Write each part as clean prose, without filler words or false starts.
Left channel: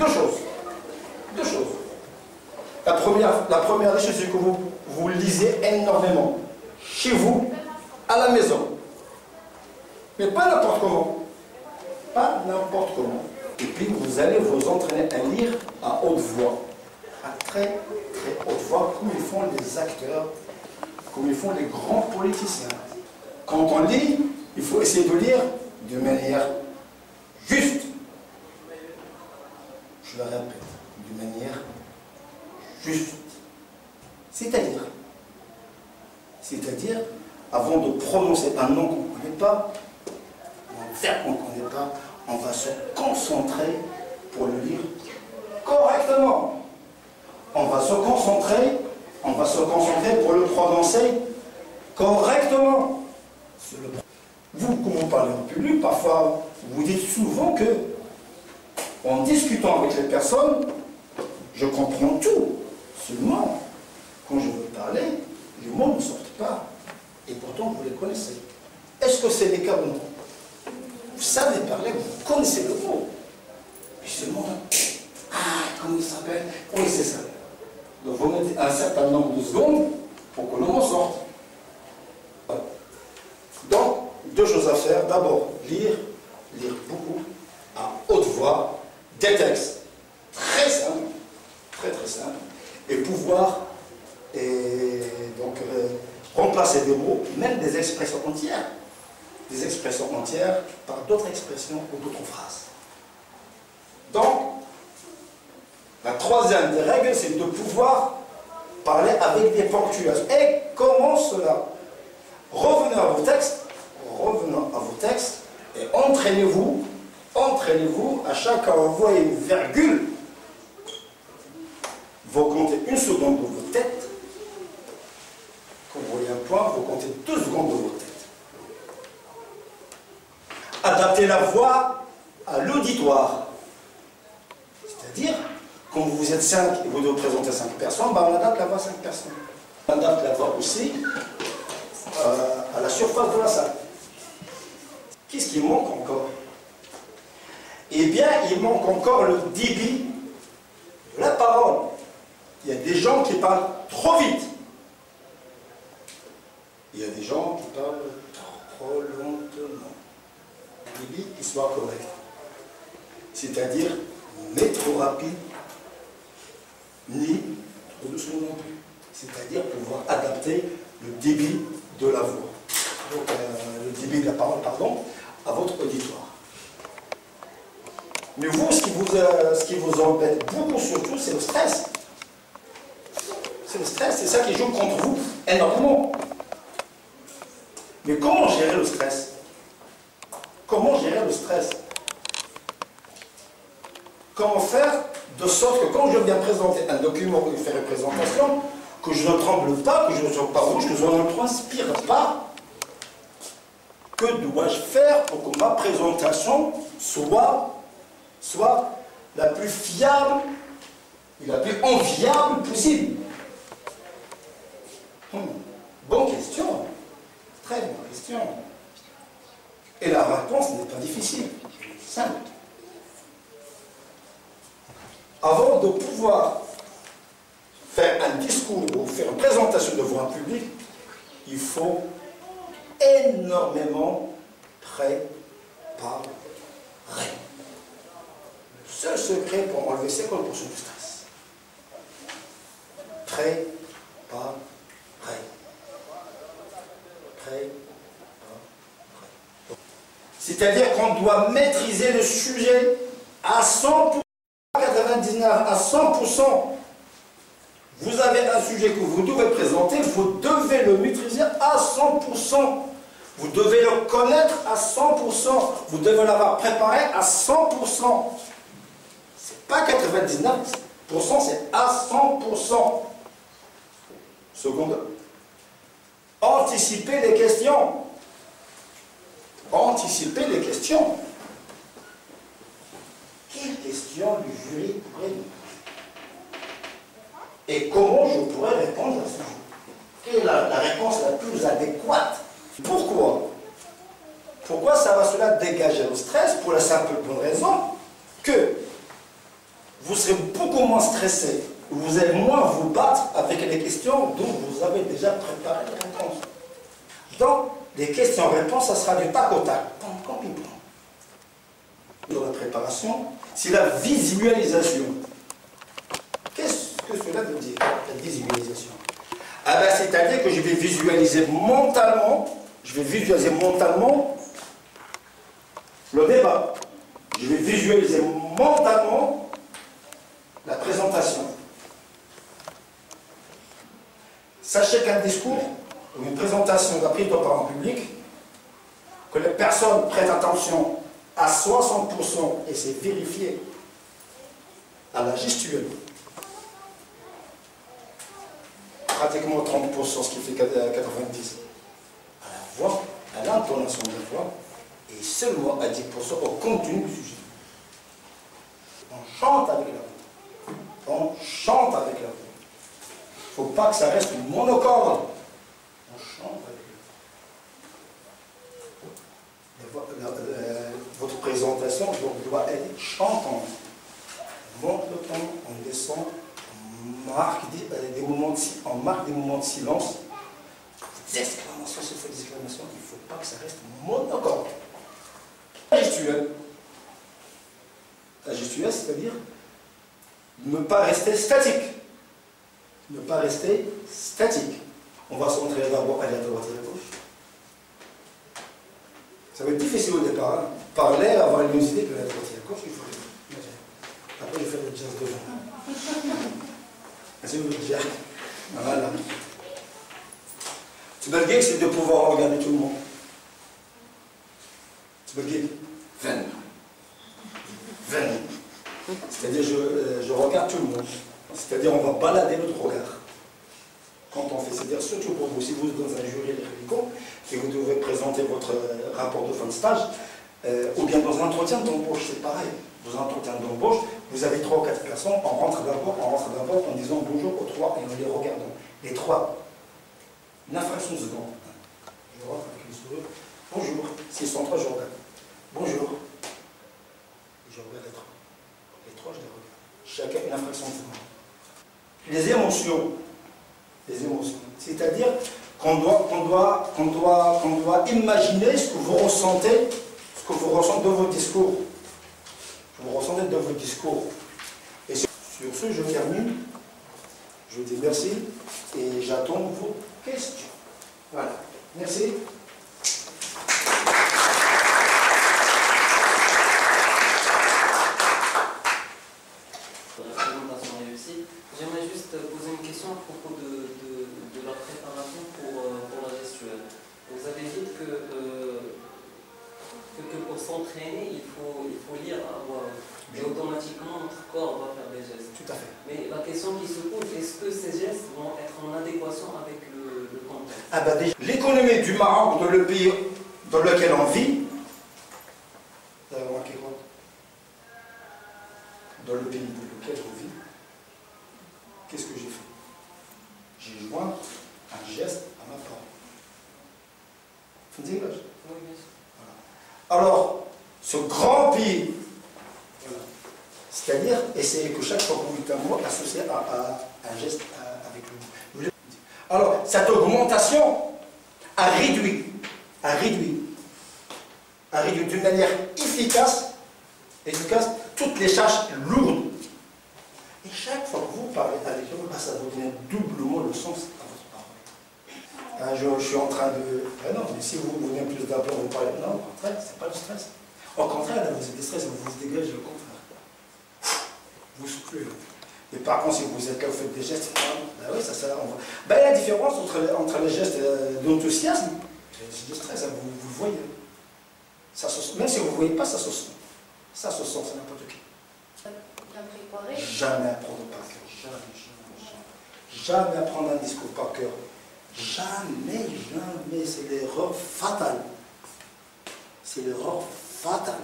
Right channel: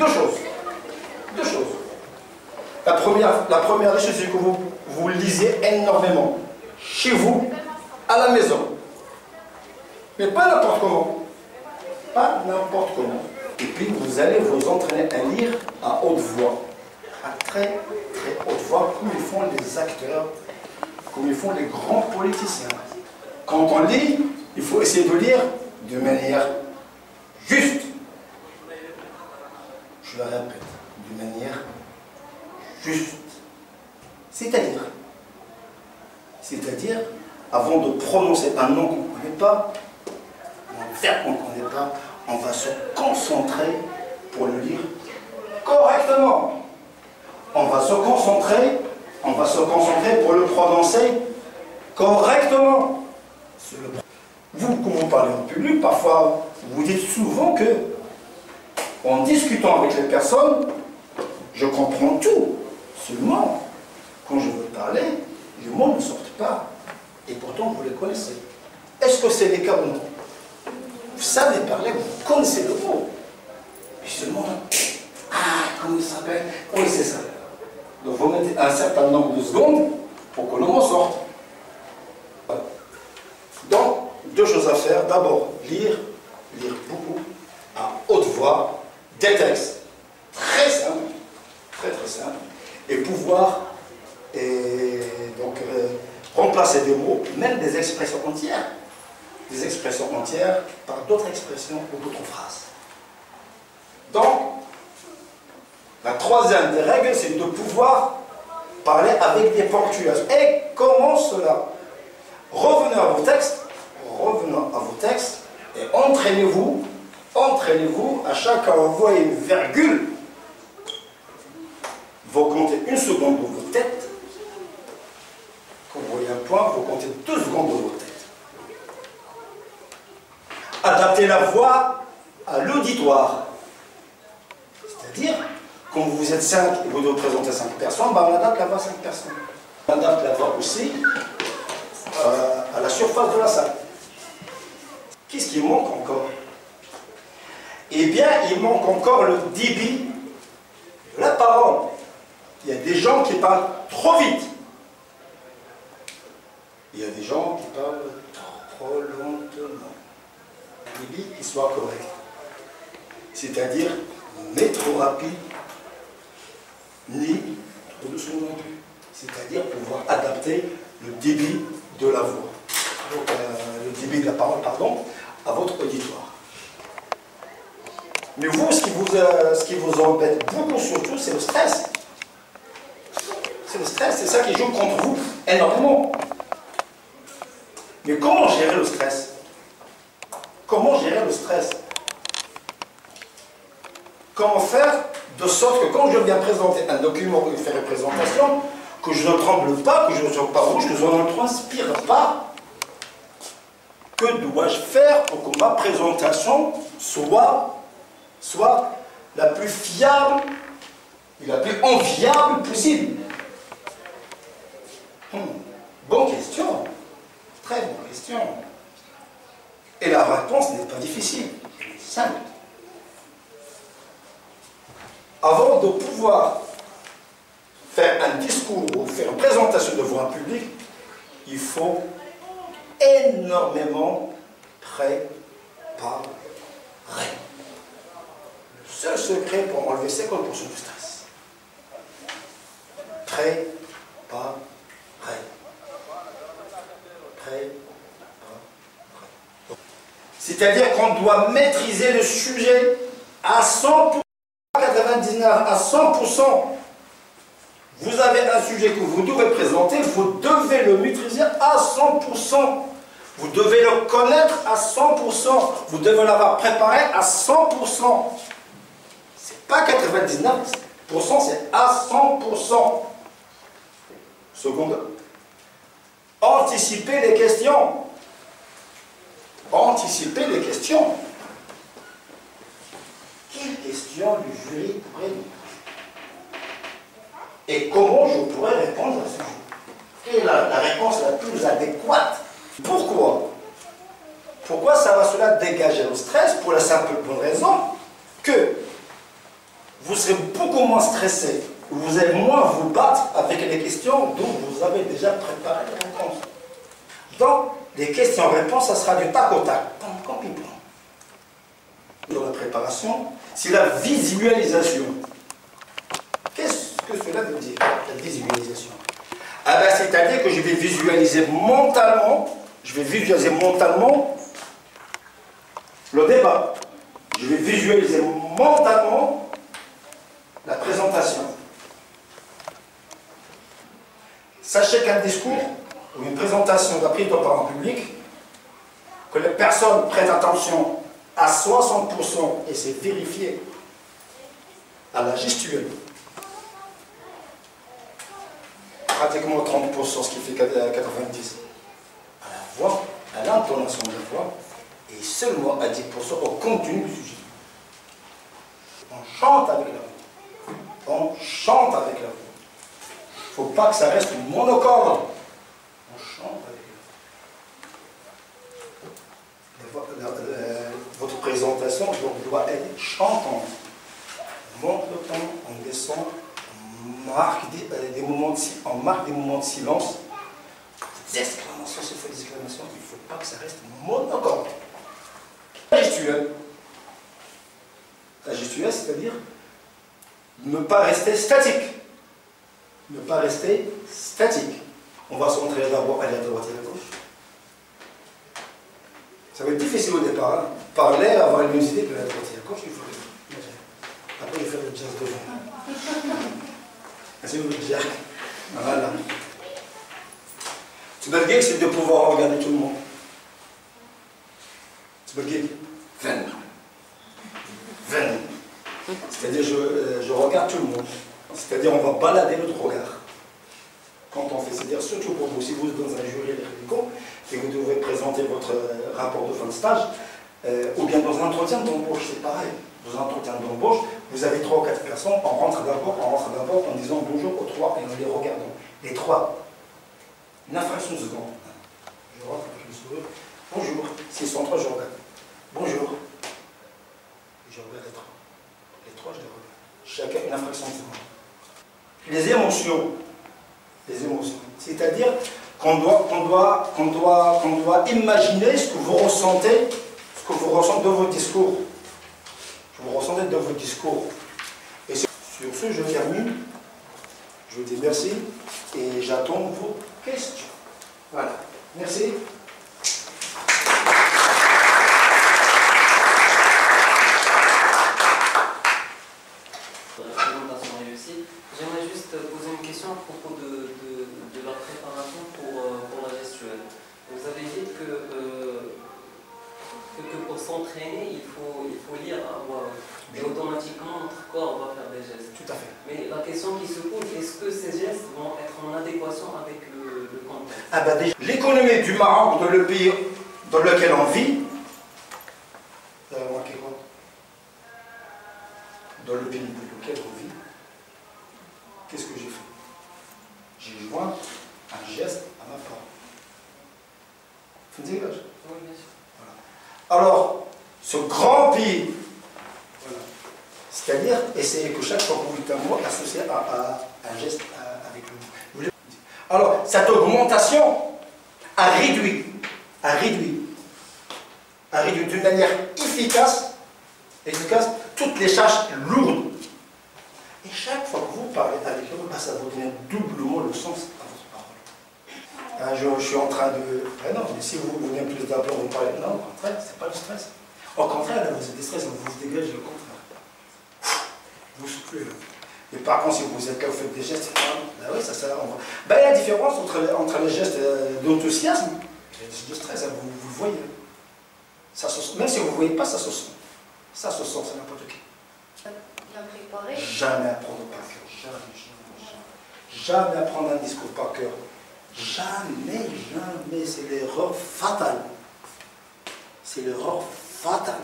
Deux choses. Deux choses. La première des choses, c'est que vous lisez énormément. Chez vous, à la maison. Mais pas n'importe comment. Pas n'importe comment. Et puis vous allez vous entraîner à lire à haute voix. À très très haute voix, comme ils font les acteurs, comme ils font les grands politiciens. Quand on lit, il faut essayer de lire de manière juste. Je le répète, de manière juste. C'est-à-dire, avant de prononcer un nom qu'on ne connaît pas, un verbe qu'on ne connaît pas, on va se concentrer pour le lire correctement. On va se concentrer pour le prononcer correctement. Vous, quand vous parlez en public, parfois, vous dites souvent que, en discutant avec les personnes, je comprends tout. Seulement, quand je veux parler, les mots ne sortent pas. Et pourtant, vous les connaissez. Est-ce que c'est le cas ou non? Vous savez parler, vous connaissez le mot. Mais seulement, comment il s'appelle? Oui, c'est ça. Donc, vous mettez un certain nombre de secondes pour que le mot sorte. Donc, deux choses à faire. D'abord, lire beaucoup, à haute voix, des textes très simples, très très simples, et pouvoir remplacer des mots, même des expressions entières par d'autres expressions ou d'autres phrases. Donc, la troisième des règles, c'est de pouvoir parler avec des ponctuations. Et comment cela? Revenez à vos textes et entraînez-vous à chaque fois que vous voyez une virgule, vous comptez une seconde dans votre tête. Quand vous voyez un point, vous comptez 2 secondes dans votre tête. Adaptez la voix à l'auditoire. C'est-à-dire, quand vous êtes 5 et vous devez présenter 5 personnes, on adapte la voix à 5 personnes. On adapte la voix aussi à la surface de la salle. Qu'est-ce qui manque encore? Eh bien, il manque encore le débit de la parole. Il y a des gens qui parlent trop vite. Il y a des gens qui parlent trop lentement. Le débit qui soit correct. C'est-à-dire, ni trop rapide, ni trop doucement non plus. C'est-à-dire pouvoir adapter le débit de la voix. Donc, le débit de la parole, pardon, à votre auditoire. Mais vous, ce qui vous embête beaucoup surtout, c'est le stress. C'est le stress, c'est ça qui joue contre vous énormément. Mais comment gérer le stress? Comment gérer le stress? Comment faire de sorte que quand je viens présenter un document ou faire une présentation, que je ne tremble pas, que je ne sois pas rouge, que je ne transpire pas? Que dois-je faire pour que ma présentation soit la plus fiable et la plus enviable possible? Bonne question. Très bonne question. Et la réponse n'est pas difficile. Simple. Avant de pouvoir faire un discours ou faire une présentation devant un public, il faut énormément préparer. Le seul secret pour enlever 50% du stress. Préparer. C'est-à-dire qu'on doit maîtriser le sujet à 100%, à 99%, à 100%. Vous avez un sujet que vous devez présenter, vous devez le maîtriser à 100%. Vous devez le connaître à 100%. Vous devez l'avoir préparé à 100%. C'est pas 99%, c'est à 100%. Seconde. Anticiper les questions. Anticiper les questions. Quelles questions le jury pourrait nous poser? Et comment je pourrais répondre à ce sujet? Quelle est la réponse la plus adéquate? Pourquoi? Pourquoi ça va cela dégager le stress? Pour la simple bonne raison que vous serez beaucoup moins stressé. Vous allez moins vous battre avec les questions dont vous avez déjà préparé les réponses. Donc, les questions-réponses, ça sera du tac au tac, comme ping-pong. Dans la préparation, c'est la visualisation. Qu'est-ce que cela veut dire, la visualisation? Ah ben, c'est-à-dire que je vais visualiser mentalement, le débat. Je vais visualiser mentalement la présentation. Sachez qu'un discours ou une présentation de la prise de parole en public, que les personnes prêtent attention à 60%, et c'est vérifié à la gestuelle, pratiquement 30%, ce qui fait 90%, à la voix, à l'intonation de la voix, et seulement à 10% au contenu du sujet. On chante avec la voix. On chante avec la voix. Il ne faut pas que ça reste une monocorde. On chante avec la voix. Votre présentation doit être chantante. On monte le ton, on descend, on marque des moments de silence. Des exclamations, c'est des exclamations. Il ne faut pas que ça reste monocorde. La gestuelle. La gestuelle, c'est-à-dire ne pas rester statique. Ne pas rester statique. On va se montrer d'abord aller à droite et à gauche. Ça va être difficile au départ. Hein. Parler, avoir une idée de la droite et à gauche, il faut le faire. Après, il faut faire le jazz devant. C'est le jazz. Voilà. Tu veux le gag, c'est de pouvoir regarder tout le monde. Tu veux le gag? 20. C'est-à-dire, je regarde tout le monde. C'est-à-dire, on va balader notre regard. Quand on fait, c'est-à-dire, surtout pour vous, si vous êtes dans un jury républicain et vous devez présenter votre rapport de fin de stage, ou bien dans un entretien d'embauche, c'est pareil. Dans un entretien d'embauche, vous avez 3 ou 4 personnes, on rentre d'abord en disant bonjour aux 3 et en les regardant. Les 3. Une infraction de seconde. Je rentre avec le sourire. Bonjour. S'ils sont 3, je regarde. Bonjour. Et je regarde les 3. Les 3, je les regarde. Chacun une infraction de seconde. Les émotions. C'est-à-dire qu'on doit imaginer ce que vous ressentez, de vos discours. Et sur ce, je termine. Je vous dis merci et j'attends vos questions. Voilà. Merci. J'aimerais juste poser une question à propos de la préparation pour la gestuelle. Vous avez dit que pour s'entraîner, il faut lire à voix haute. Et automatiquement, notre corps va faire des gestes. Tout à fait. Mais la question qui se pose, est-ce que ces gestes vont être en adéquation avec le contexte? Ah ben déjà, l'économie du Maroc, dans le pays dans lequel on vit, vous avez remarqué quoi? Dans le pays dans lequel on vit, qu'est-ce que j'ai fait? J'ai joint un geste à ma parole. Vous me dites l'âge? Oui, bien sûr. Voilà. Alors, ce grand pays, voilà. C'est-à-dire, essayez que chaque fois que vous dites un mot, associé à un geste avec le mot. Alors, cette augmentation a réduit d'une manière efficace toutes les charges lourdes. Et chaque fois que vous parlez avec eux, ça vous donne doublement le sens à votre parole. Je suis en train de... non, mais si vous venez plus d'abord vous parlez... Non, au contraire, c'est pas le stress. Au contraire, là, vous êtes stressé, vous vous dégagez, le contraire. Vous soufflez, là. Mais par contre, si vous êtes là, vous faites des gestes, ben oui, ça sert. Ben, il y a la différence entre les gestes d'enthousiasme et les gestes de stress, vous le voyez. Ça se, même si vous ne voyez pas, ça se sent. Ça se sent, c'est n'importe qui. Bien préparé. Jamais apprendre par cœur. Jamais apprendre un discours par cœur. Jamais. C'est l'erreur fatale. C'est l'erreur fatale.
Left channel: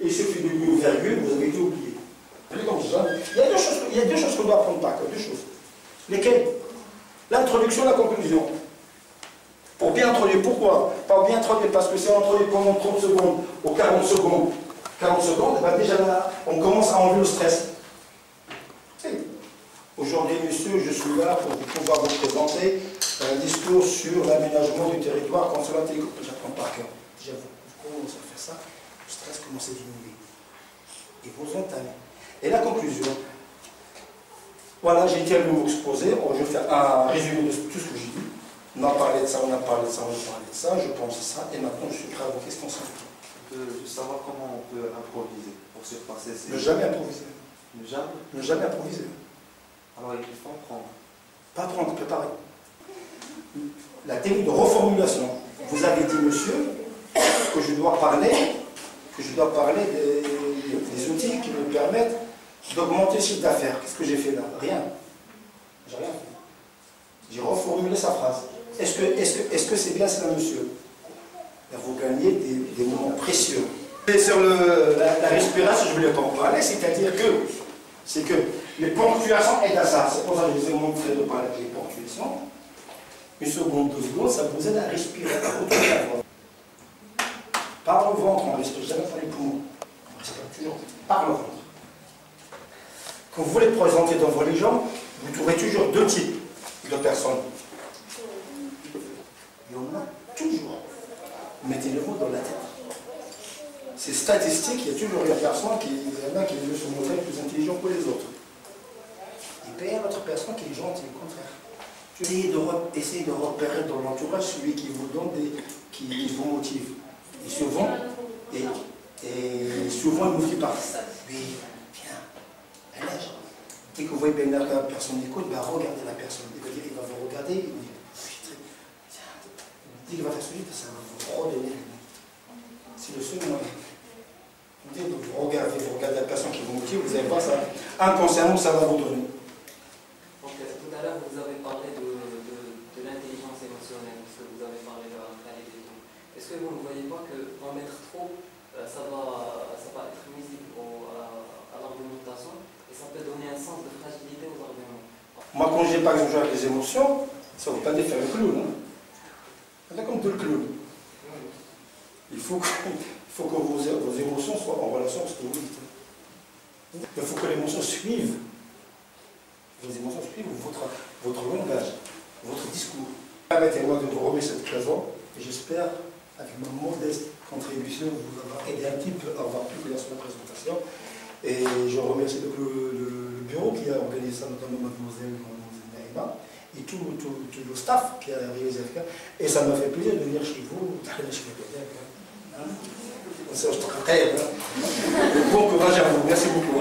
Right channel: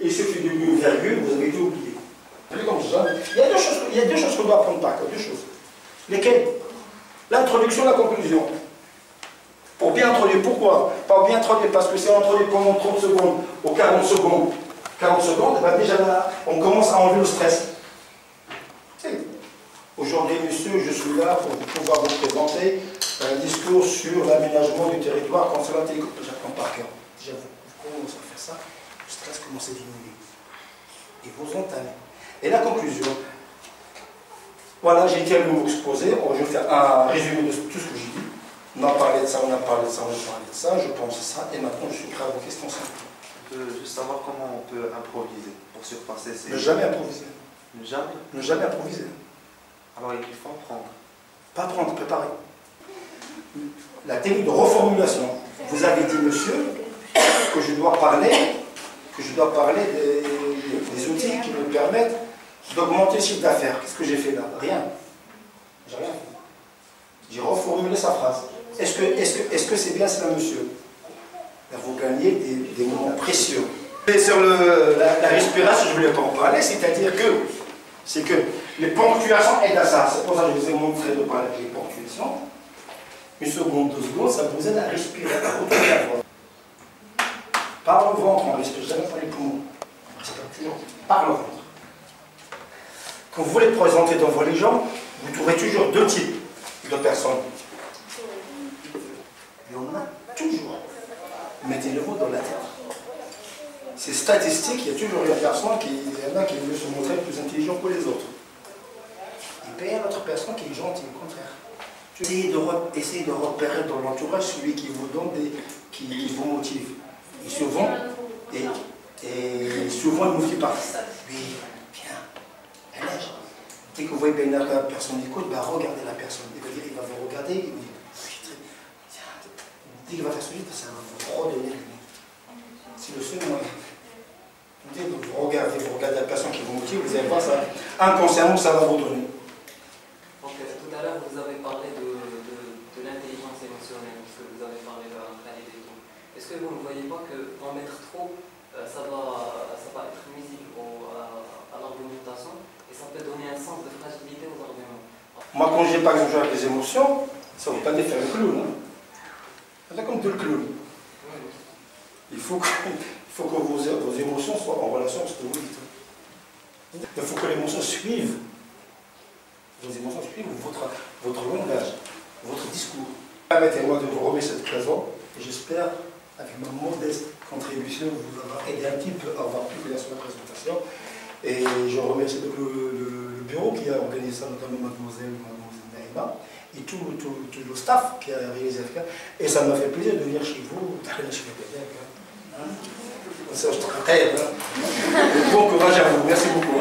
Il suffit d'une virgule, vous avez tout oublié. Il y a deux choses qu'on doit apprendre par cœur. Deux choses. Lesquelles? L'introduction et la conclusion. Pour bien introduire, pourquoi? Pas bien introduire, parce que c'est introduit pendant 30 secondes ou 40 secondes. 40 secondes, et ben déjà là, on commence à enlever le stress. Aujourd'hui, monsieur, je suis là pour pouvoir vous présenter un discours sur l'aménagement du territoire concernant la télécommunication. J'apprends par cœur. Déjà, vous commencez à faire ça, le stress commence à diminuer. Et vous entamez. Et la conclusion. Voilà, j'ai été à vous exposer. Je vais faire un résumé de tout ce que j'ai dit. On a parlé de ça, on a parlé de ça, on a parlé de ça. Je pense ça. Et maintenant, je suis prêt à vos questions. On peut juste savoir comment on peut improviser pour surpasser ces... Ne jamais improviser. Ne jamais. Ne jamais improviser. Alors il faut prendre. Pas prendre, préparer. La technique de reformulation. Vous avez dit, monsieur, que je dois parler des outils qui me permettent d'augmenter le chiffre d'affaires. Qu'est-ce que j'ai fait là? Rien. J'ai rien fait. J'ai reformulé sa phrase. Est-ce que c'est bien cela, monsieur? Là, vous gagnez des moments précieux. Et sur la respiration, je ne voulais pas en parler, c'est-à-dire que les ponctuations aident à ça. C'est pour ça que je vous ai montré de parler avec les ponctuations. Une seconde, 2 secondes, ça vous aide à respirer, à retourner la voix. Par le ventre, on ne respire jamais par les poumons. On respire toujours par le ventre. Quand vous voulez présenter devant les gens, vous trouverez toujours 2 types de personnes. Et on a toujours. Mettez le mot dans la tête. C'est statistique, il y a toujours une personne il y en a qui veut se montrer plus intelligent que les autres. Et puis il y a une autre personne qui est gentille, au contraire. Essayez de repérer dans l'entourage celui qui vous donne qui vous motive. Et souvent, il ne vous dit pas. Oui, viens, allège. Dès que vous voyez bien la personne écoute, ben regardez la personne. Il va vous regarder, il vous dit, tiens, dès qu'il va faire ce livre, ça va vous redonner. C'est le seul moyen. Dès que vous regardez la personne qui vous motive, vous allez voir ça. Inconsciemment, ça va vous donner. Donc, tout à l'heure, vous avez parlé de l'intelligence émotionnelle, parce que vous avez parlé de la qualité et tout. Est-ce que vous ne voyez pas qu'en mettre trop, ça va être nuisible à l'argumentation et ça peut donner un sens de fragilité aux arguments? Moi, quand j'ai par exemple joué avec les émotions, ça ne veut pas dire faire le clown. Hein. C'est comme tout le clown. Il faut que vos émotions soient en relation avec ce que vous dites. Il faut que les émotions suivent. Vos émotions suivent votre langage, votre discours. Permettez-moi de vous remettre cette occasion et j'espère, avec ma modeste contribution, vous avoir aidé un petit peu à avoir plus clair sur la présentation. Et je remercie donc le bureau qui a organisé ça, notamment mademoiselle Naïma, et tout le staff qui a réalisé ça. Et ça m'a fait plaisir de venir chez vous, d'aller chez les Bon courage à vous, merci beaucoup.